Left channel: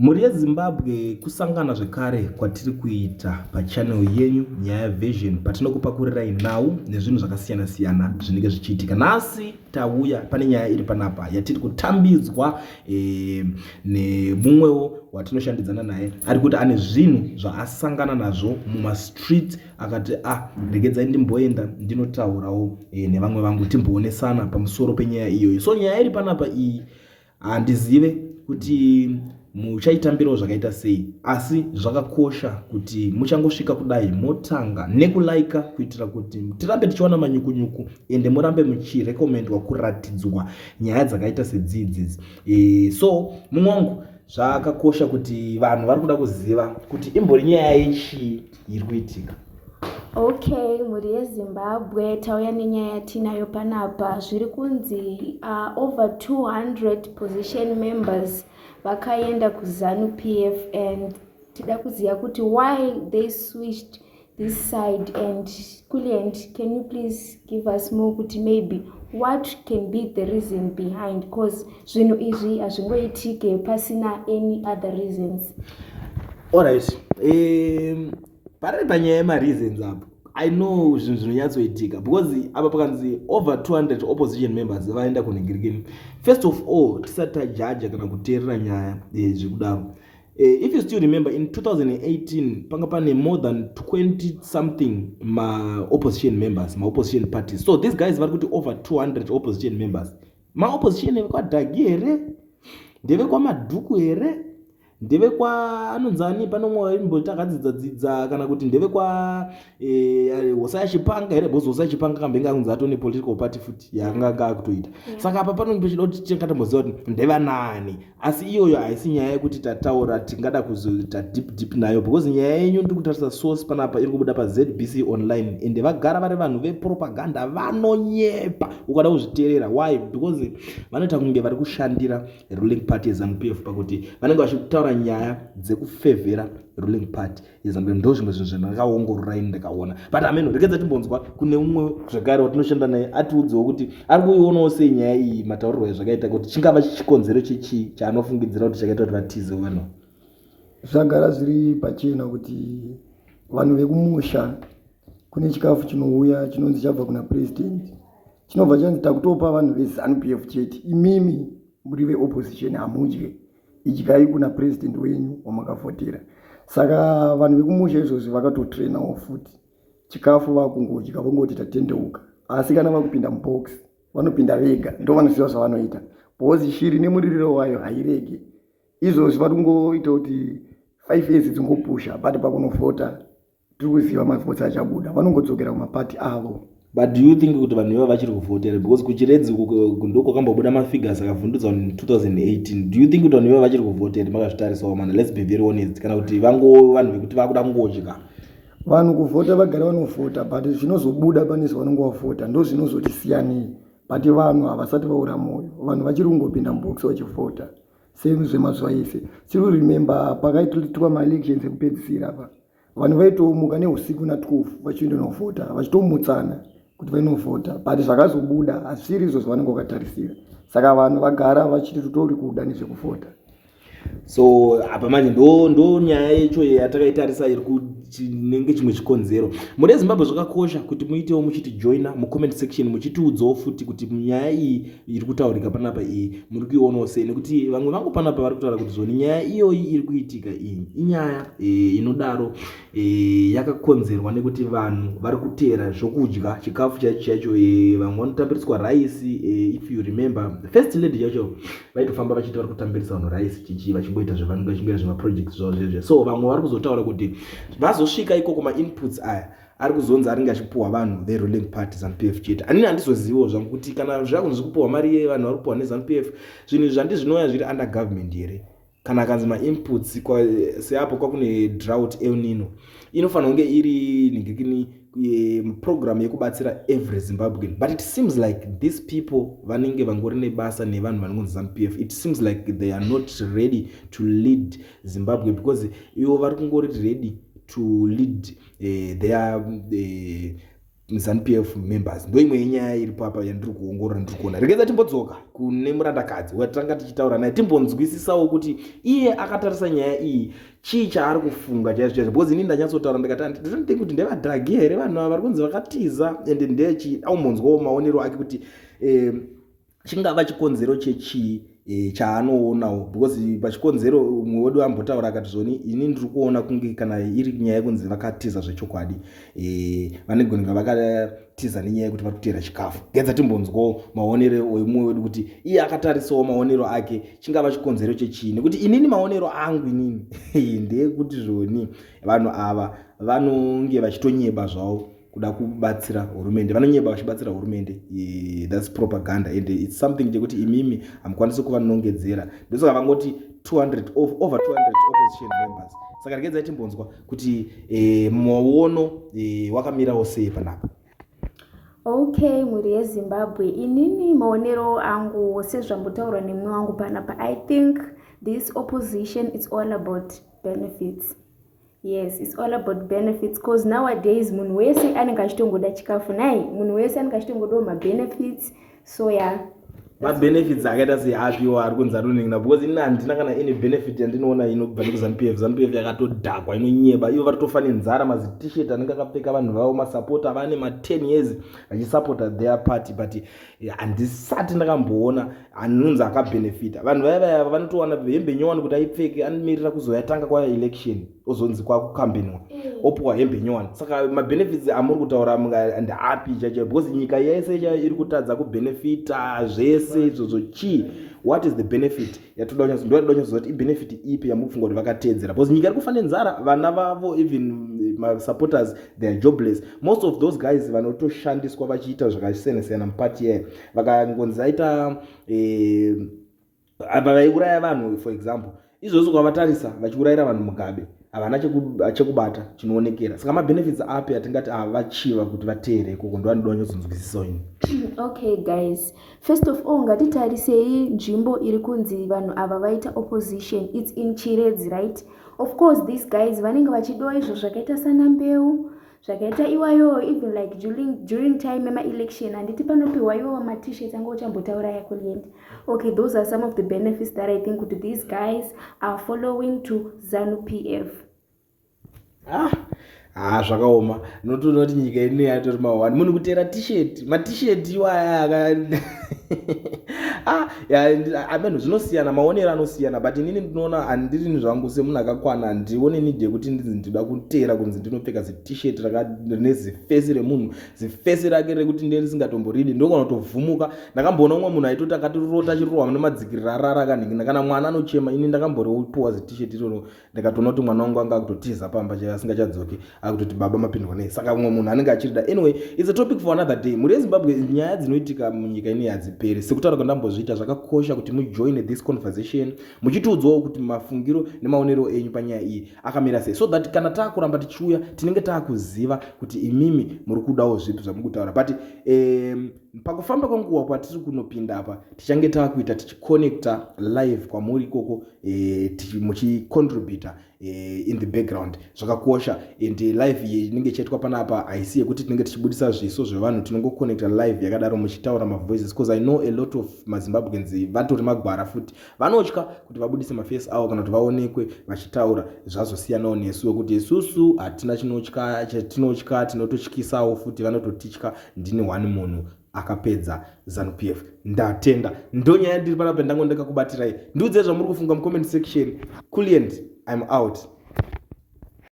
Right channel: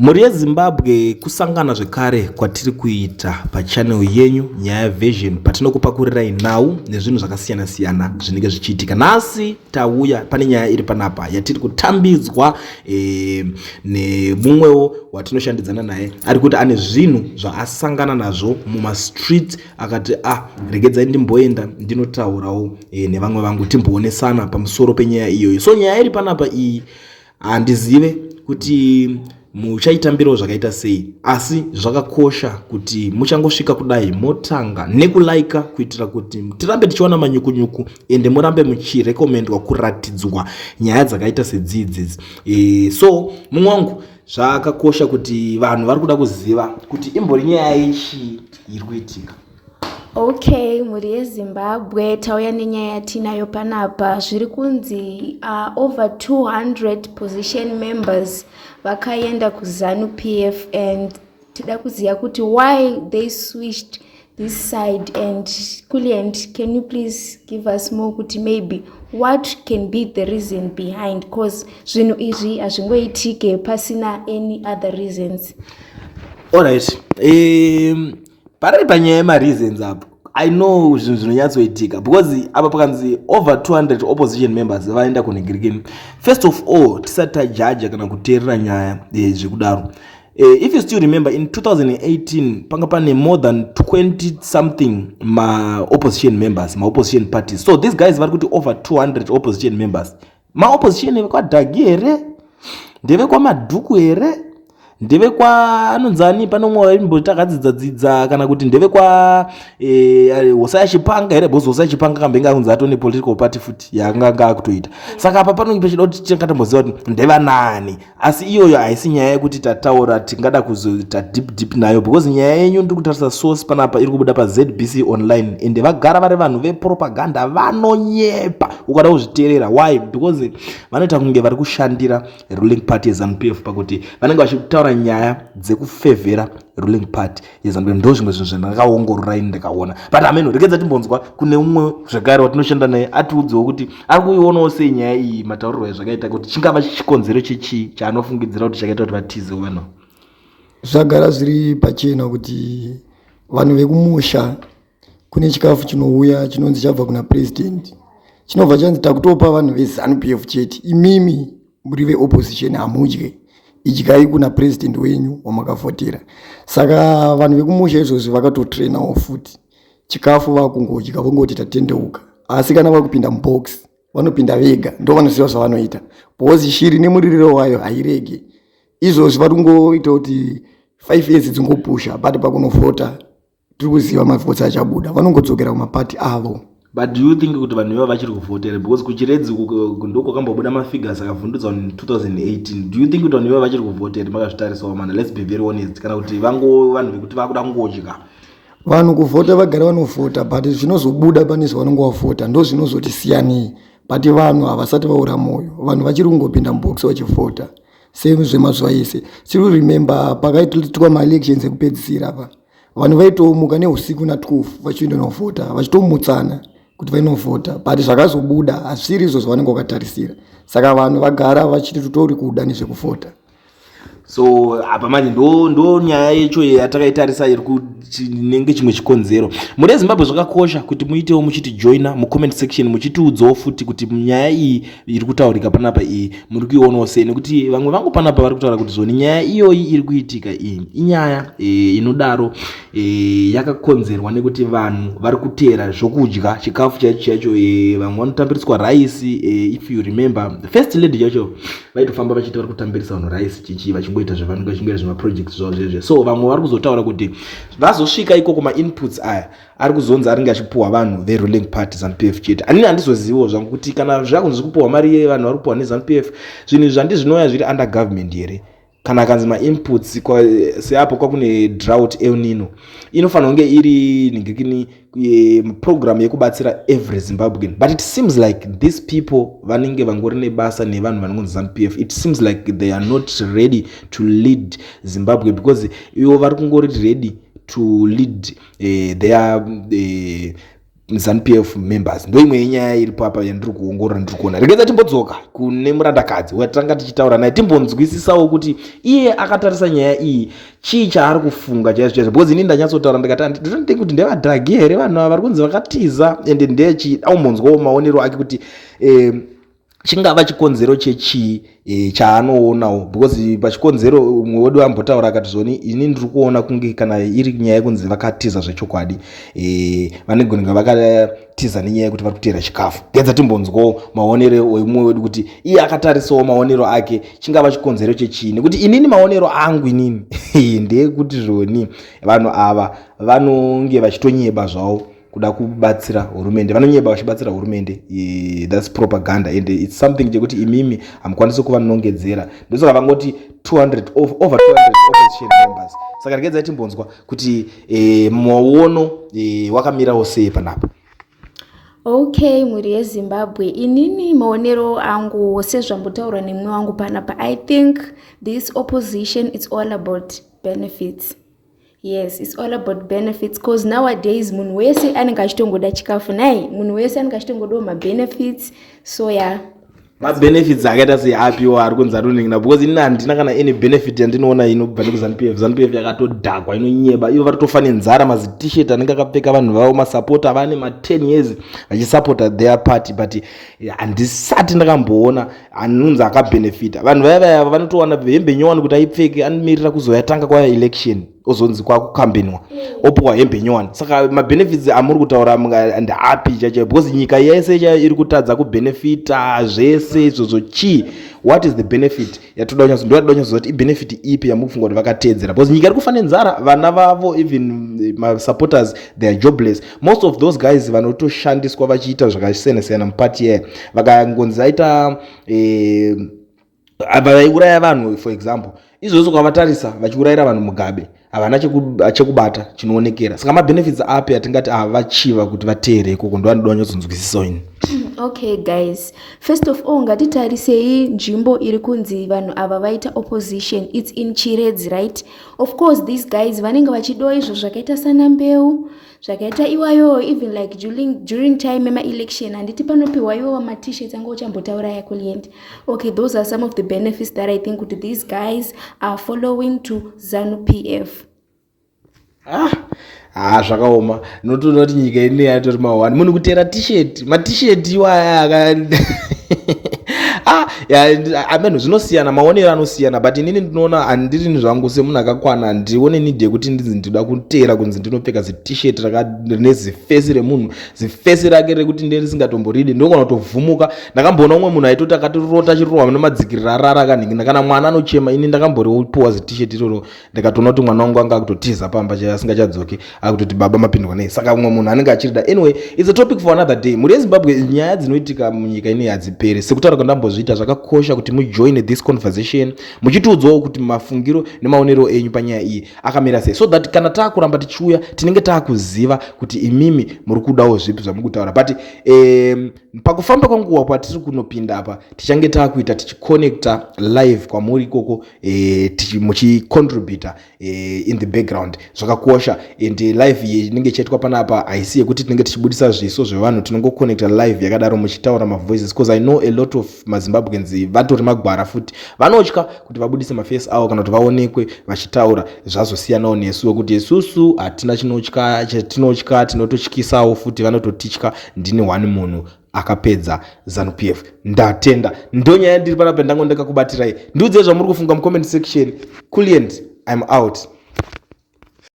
Mhuri yeZimbabwe kusangana zvekare kwatiri kuita pachannel yenyu Nyaya Vision patinokupakurirai nhau nezvinhu zvakasiyana siyana zvinenge zvichiitika. Nhasi tauya pane nyaya iri panapa yatiri kutambidzwa nemumwewo watinoshandidzana naye ari kuti ane zvinhu zvaasangana nazvo mumastreet akati regedzai ndimboenda ndinotaurawo nevamwe vangu timboonesana pamusoro penyaya iyoyo. So nyaya iri panapa iyi handizive kuti muchaitambirawo zvakaita sei, asi zvakakosha kuti muchangosvika kudai motanga nekulaika kuitira kuti tirambe tichiona manyukunyuku ende murambe muchirekomendwa kuratidzwa nyaya dzakaita sedzidzi. So mumwe wangu zvakakosha kuti vanhu vari kuda kuziva kuti imbori nyaya yechi iri kuitika. Okay, mhuri yeZimbabwe tauya nenyaya yatinayo panapa. Zviri kunzi over 200 position members vakaenda kuZANU PF and tida kuziya kuti why they switched this side. And Kuliend, can you please give us more kuti maybe what can be the reason behind, because zvinhu izvi hazvingoitike pasina any other reasons. Alright, pari panyaya yemareasons apo I know zvinhu zvinonyatsoitika because apa pakanzi over 200 opposition members vaenda kunhingirikini. First of all, tisati tajaja kana kuteerera nyaya zvekudaro. If you still remember, in 2018 panga pane more than 20 something opposition members, opposition parties. So these guys vari kuti over 200 opposition members. Opposition vakwadhagi here, ndeve kwamadhuku here, ndeve kwa anonzani panomwe waimbotakadzidza kana kuti ndeve kwa Hosea Chipanga here, because Hosea Chipanga kambenga kunzi atone political party futi yakanga akutoita. Saka apa panonge pechida kuti tingatomboziva kuti ndeva nani, asi iyoyo haisi nyaya yekuti tataura tingada kuzoita deep nayo, because nyaya yenyu ndiri kutarisa source panapa iri kubuda paZBC online ende vagara vari vanhu vepropaganda vanonyepa ukada kuzviteerera. Why? Because vanoita kunge vari kushandira ruling party yeZANU PF pakuti vanenge vachitaura nyaya dzekufevhera ruling party yeZANU. Ndo zvimwe zvinhu zvandakaongororai ndikaona, but ameno rekedza timbonzwa kune umwe zvakare watinoshanda naye atiudzewo kuti ari kuionawo sei nyaya iyi mataurirwo ezvakaita kuti chingava chikonzero chichi chaanofungidzira kuti chakaita kuti vatize vanhu. Zvagara zviri pachena kuti vanhu vekumusha kune chikafu chinouya chinonzi chabva kuna president, chinobva chanzi takutopa vanhu veZANU PF chete, imimi muri veopposition hamudye, idyai kuna president wenyu wamakavhotera. Saka vanhu vekumusha izvozvi vakatotrainawo futi chikafu vakungodya vongoti tatendeuka, asi kana vakupinda mubox vanopinda vega, ndo vanoziva zvavanoita, because shiri nemuririro wayo hairege. Izvozvi vari kungoita kuti 5 years dzingopusha, but pakunovhota tiri kuziva mavhotsi achabuda, vanongodzokera kumapati avo. But do you think kuti vanhu iva vachiri kuvhotera, because kuchiredzi ndoko kambobuda mafigures akavhundudzwa in 2018? Do you think kuti vanhu iva vachiri kuvhotera makazvitarisawo mana? Let's be very honest, kana kuti vanhu vekuti vakuda kungodya? Vanhu kuvhota vagara vanovhota, but zvinozobuda pane zvavanongovhota ndo zvinozotisiyanei. But vanhu havasati vaura moyo, vanhu vachiri kungopinda mubox vachivhota same zvemazuva ese. Tiri remember pakaitwa maelections ekupedzisira apa, vanhu vaitomuka neusiku na12 vachienda novhota vachitomutsana kuti vainovhota, but zvakazobuda hazvisiri izvo zvavanenge vakatarisira. Saka vanhu vagara vachiti tutori kuda nezvekuvhota. So apa manje ndo nyaya yecho yatakaitarisa iri kunenge chimwe chikonzero. Muri yeZimbabwe zvakakosha kuti muitewo muchiti joina mucomment section muchitiudzawo futi kuti nyaya iyi iri kutaurika panapa iyi muri kuionawo sei, nekuti vamwe vangu panapa vari kutaura kuti zvoni nyaya iyoyi iri kuitika iyi inyaya inodaro yakakonzerwa nekuti vanhu vari kuteera zvokudya chikafu chaicho. Vamwe vanotambiriswa raisi. If you remember first lady yacho vaitofamba vachiti vari kutambirisa vanhu raisi chichi vachingoita zvavanenge vachingoita zvemaprojects zvavo zvezve. So vamwe vari kuzotaura kuti vazosvika iko kuma-inputs aya ari kuzonzi aringe achipuhwa vanhu veruling party ZANU PF chete. Anini handizoziviwo zvangu kuti kana zvakunzi kupuhwa mari vanhu vari kupuhwa neZANU PF zvinhu izvi handizvinoya zviri under government here. Kana akanzi ma-inputs seapo kwakune drought El Nino inofanira kunge iri ningikini program yekubatsira every Zimbabwean, but it seems like these people vanenge vangori nebasa nevanhu vanonzi ZANU PF, it seems like they are not ready to lead Zimbabwe, because ivo vari kungori ready to lead their ZANU-PF members ndo imwe yenyaya iripo apa yandiri kuongorora ndiri kuona. Regedza timbodzoka kune murandakadzi watanga tichitaura naye timbonzwisisawo kuti iye akatarisa nyaya iyi chii chaari kufunga chaizvo because ini ndanyatsotaura ndikati ndinotingi kuti ndevadhagi here vanhu ava vari kunzi vakatiza ende ndechi aumbonzwawo maonero ake kuti chingava chikonzero chechii chaanoonawo because pachikonzero umwe wedu ambotaura akati zvoni ini ndiri kuona kunge kana iri nyaya yekunzi vakatiza zvechokwadi vanogona vakatiza nenyaya yekuti vari kutera chikafu. Gedza timbonzwawo maonero emumwe wedu kuti iye akatarisawo maonero ake chingava chikonzero chechii nekuti inini maonero angu inini ndeyekuti zvoni vanhu ava vanonge vachitonyeba zvavo kuda kubatsira hurumende, vanonyeba vachibatsira hurumende. That's propaganda and it's something chekuti imimi hamukwanisi kuva nongedzera ndosoka vangoti 200 over 200 opposition members. Saka regedza timbonzwa kuti maono wakamirawo sei panapa. Okay, muri yeZimbabwe, inini maonero angu sezvambotaura nemwe wangu panapa, I think this opposition is all about benefits. Yes, it's all about benefits because nowadays munhu wese anenge achitongoda chikafu nai, munhu wese anenge achitongodawo mabenefits. So yeah, mabenefits akaita seapiwa ari kunzi atoningina because ini handina kana any benefit yandinoona inobva nekuZANU-PF. ZANU-PF yakatodhakwa inonyeba, ivo vari nzara mazit-shirt anenge akapfeka vanhu vavo masapota vane ma10 years vachisapota their party but handisati ndakamboona anonzi akabenefita. Vanhu vaya vanotowana hembe nyowani kuti aipfeke anomirira kuzoyatanga kwaelection ozonzi kwakukambeniwa opuwa hembe nyowani. Saka mabenefits amuri kutaura ndeapi chacho because nyika yese iri kutadza kubenefita zvese izvozvo chii. What is the benefit yatoda kunyazoti ibenefit ipi yamukufunga kuti vakatedzera because nyika iri kufa nenzara, vana vavo even supporters they are jobless. Most of those guys vanotoshandiswa vachiita zvakasiyana mupati yayo vakangonzi aita vaiuraya vanhu for example izvozvo kwavatarisa vachiurayira vanhu mugabe havana chekubata chinoonekera. Saka mabenefits api atingati vachiva kuti vateere ikoko ndo anoda kunyatsokunzwisisa ini. Okay guys, first of all ngatitarisei nzvimbo iri kunzi vanhu ava vaita opposition, it's in Chiredzi, right? Of course these guys vanenge vachidowa izvo zvakaita sana mbeu, zvakaita iwayo even like during time ema-election handiti panopiwa iwo ma-t-shirts anga uchambotaura yakuliend. Okay, those are some of the benefits that I think kuti these guys are following to ZANU-PF. Zvakaoma notoona kuti nyika ine yatori mawani munhu kutera t-shirt ma-t-shirt iwaya amenhu zvinosiyana, maonero anosiyana but inini ndinoona handiri zvangu semunhu akakwana ndione nidhe kuti ndinoda kutera kunzi ndinopfeka zi-t-shirt rine zifesi remunhu, zifesi rake rekuti nderisingatomboridi ndokona kutovhumuka. Ndakamboona umwe munhu aitoti akatirota chirohwa nemadzikirira rara akanhingina kana mwana anochema. Ini ndakamboripuwa zi-t-shirt iroro ndikatoona kuti mwana wangu anga akutotiza pamba asingachadzoki akutoti baba mapindwa nei. Saka umwe munhu anenge achirida. Anyway, it's a topic for another day. Muri yeZimbabwe nyaya dzinoitika munyika ine hadziperi. Sekutaura kwandambozviita zvakakosha kuti mujoin this conversation muchitiudzawo kuti mafungiro nemaonero enyu panyaya iyi akamira sei so that kana taakuramba tichiuya tinenge taakuziva kuti imimi muri kudawo zvipi zvamuri kutaura but pakufamba kwanguva kwatiri kunopinda apa tichange taakuita tichiconnecta live kwamuri ikoko muchicontributa in the background zvakakosha and live iyi inenge ichaitwa panapa haisi yekuti tinenge tichibudisa zviso zvevanhu tinongoconnecta live yakadaro muchitaura mavoices because I know a lot of maZimbabweans vatori magwara futi vanotya kuti vabudise maface avo kana kuti vaonekwe vachitaura zvazosiyanawo nesu wekuti isusu hatina chatinotya tinototyisawo futi vanototitya. Ndine one munhu akapedza ZANU-PF ndatenda ndonyaya ndiri panapa ndango ndakakubatirai. Ndiudzei zvamuri kufunga mucomment section. Kuliend, I'm out.